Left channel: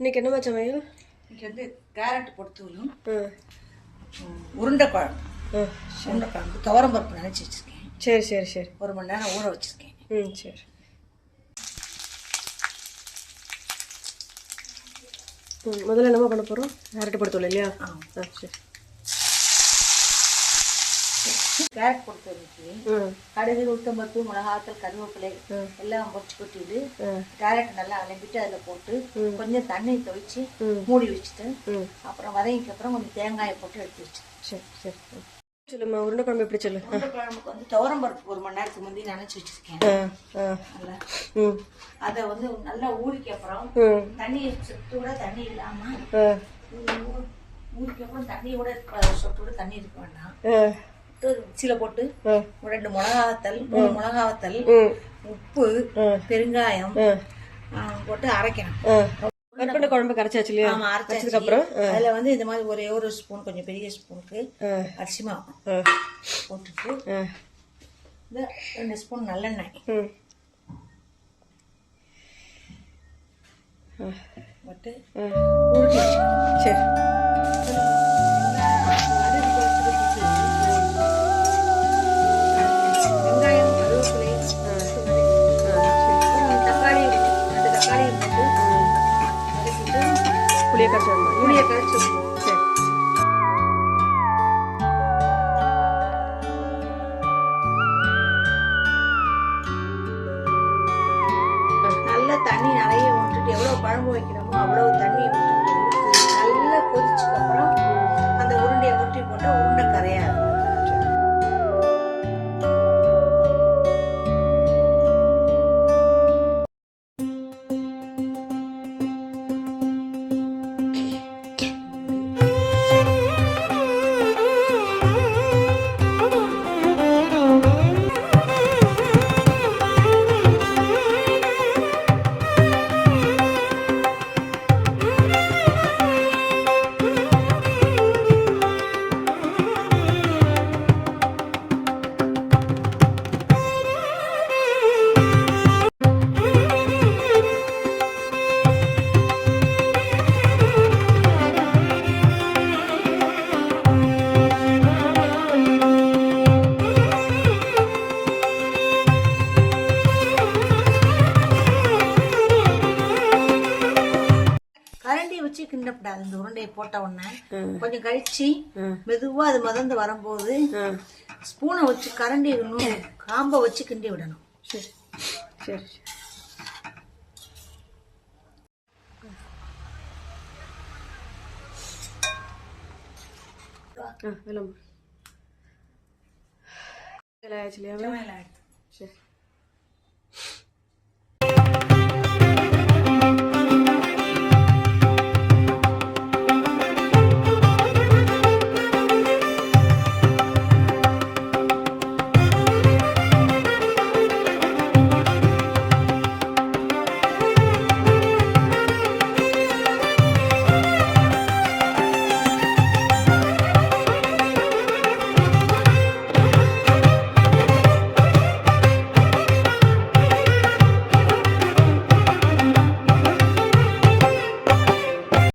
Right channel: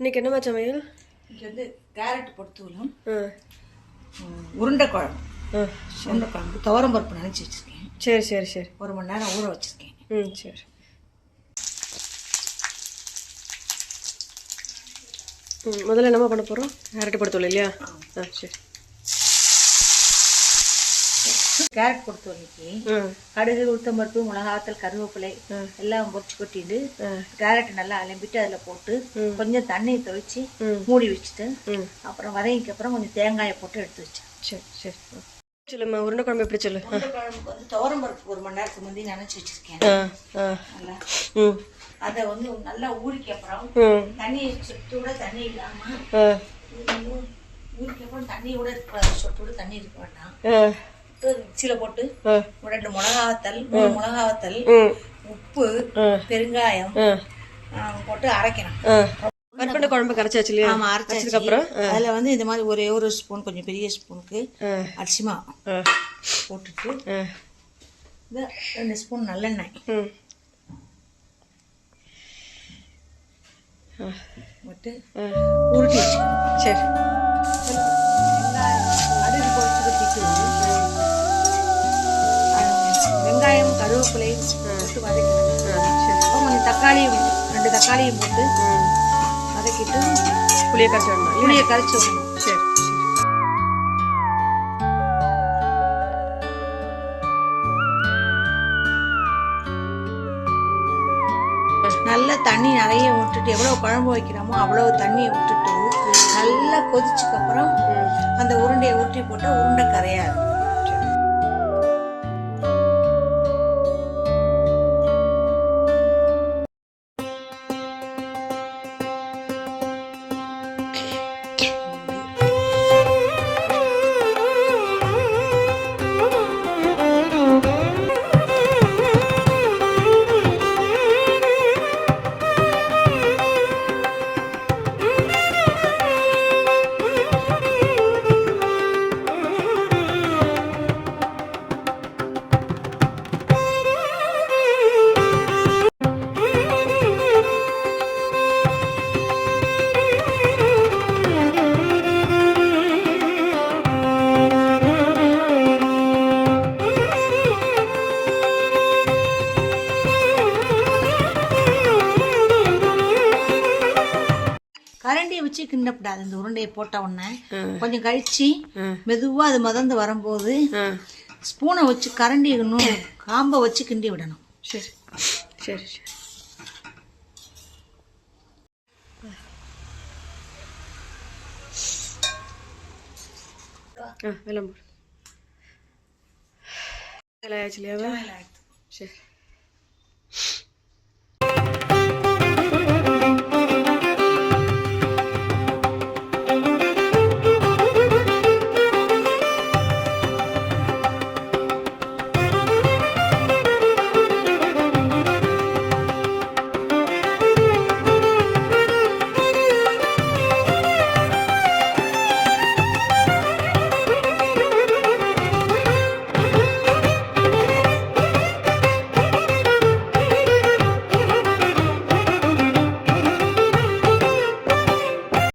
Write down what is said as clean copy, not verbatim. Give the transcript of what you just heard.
இன்னைக்கு என்னம்மா சமையல்? இங்கே வந்து கேரட் பொறுத்தூலும் உருண்டை குழம்பு. உருண்டை குழம்பு துவரம் பருப்பு நினச்சி வச்சுருக்கேன். சரி சரி சரி. 1 மணி நேரம் ஊற வச்சுருக்கேன். சரி. முதல்ல என்னம்மா பண்ண போகிறோம்? கேரட் பொறுத்தூள் இல்லையா? சரி. கேரட் பொறுத்தவரைக்கு கடுகு, உளுத்தம்பருப்பு, மிளகாத்தல், கருவேப்பிலை எல்லாம் பொரிச்சு கொட்டிட்டு கேரட் நல்லா அலம்பிட்டு அதில் போட்டு கொஞ்சம் தண்ணி தொளிச்சு மூடி வச்சுட்டு அப்புறம் வதங்கிக்கு அப்புறம் கொஞ்சம் தேங்காயை போட்டு எடுத்து வச்சு. சரி சரி. சொல்லும்மா, உருண்டை குழம்பு எப்படி சொல்லு? உருண்டை குழம்புக்கு வந்து துவரம் பருப்பு 1 மணி நேரத்துக்கு முந்தி நினைச்சு வச்சிருக்கேன். நல்லா அதை வந்து நல்லா ஊறிக்கு அப்புறம் தண்ணி சொட்டோட தண்ணி இல்லாம ஊறிக்கு அப்புறம் தண்ணியோட சொட்டோட தண்ணி இருக்க வேண்டாம். மிக்சியில போட்டு 2 மிளகாவத்தல், 3 மிளகாவத்தல், உப்பு, பெருங்காயம் போட்டு அரைக்கணும். பருப்பு குழம்பு கரைச்சாச்சு இல்லையா? அரைச்சதுக்கு அப்புறம் அதுல வந்து இந்த மாதிரி ஒரே ஒரு ஸ்பூன், கொஞ்சம் பெரிய ஸ்பூனுக்கு அரிசி மாவு போட்டுட்டு 2 ஸ்பூன் நல்லெண்ணெய் போட்டு உருட்டி வச்சுக்கணும். சரி. வெங்காயம், கருவேப்பிலை போட்டு வதக்கணும். கொஞ்சம் தக்காளியும் 2 தக்காளியும் போட்டு வதக்கிட்டு புளியை கரைச்சி விடணும். புளியை கரைச்சி விடணும். சரி. நல்லா தண்ணி நிறைய விட்டுட்டு எவ்வளோ குழம்பு வைக்கிறோமோ அவ்வளோ தண்ணியை விட்டுட்டு நல்லா கொதிச்சுக்கு அப்புறம் அந்த உருண்டையை ஊற்றி போட்டால் உருண்டை கரையாது. கரண்டியை வச்சு கிண்டப்படாது. இந்த உருண்டையை போட்ட உடனே கொஞ்சம் கழிச்சு மெதுவா அது மதந்து வரும்போது ஸ்பூனை வச்சு கரண்டி காம்பை வச்சு கிண்டி விடணும். சரி சரி சரி. வெள்ளம் போடு. ஆச்சு இல்லையா? சரி.